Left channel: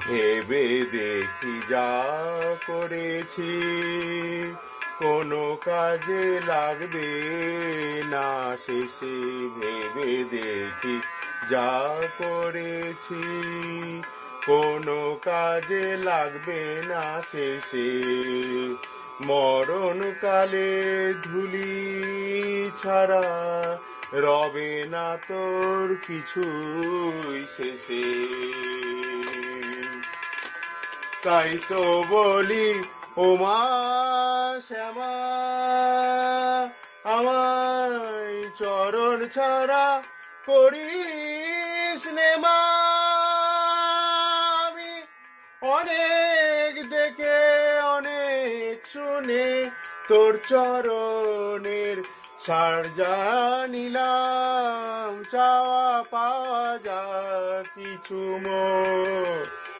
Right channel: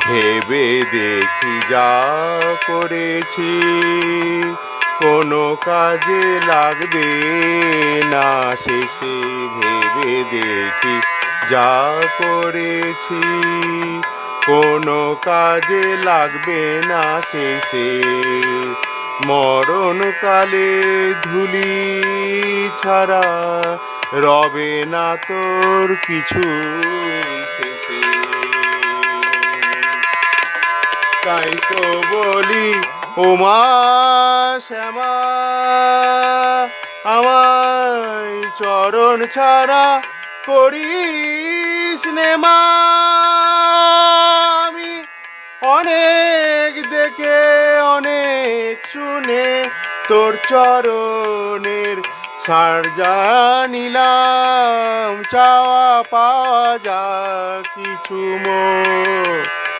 ভেবে দেখি যা করেছি কোনো কাজে লাগবে না শেষে। ভেবে দেখি যা করেছি কোনো কাজে লাগবে না শেষে। মরণকালে ধুলি ছাড়া রবে না তোর কিছু শেষে। তাই তো বলি ও মা শ্যামা, আমায় চরণ ছাড়া করিস নে মা। আমি অনেক দেখে অনেক শুনে তোর চরণের সার জানিলাম, চাওয়া পাওয়া যা কিছু মোর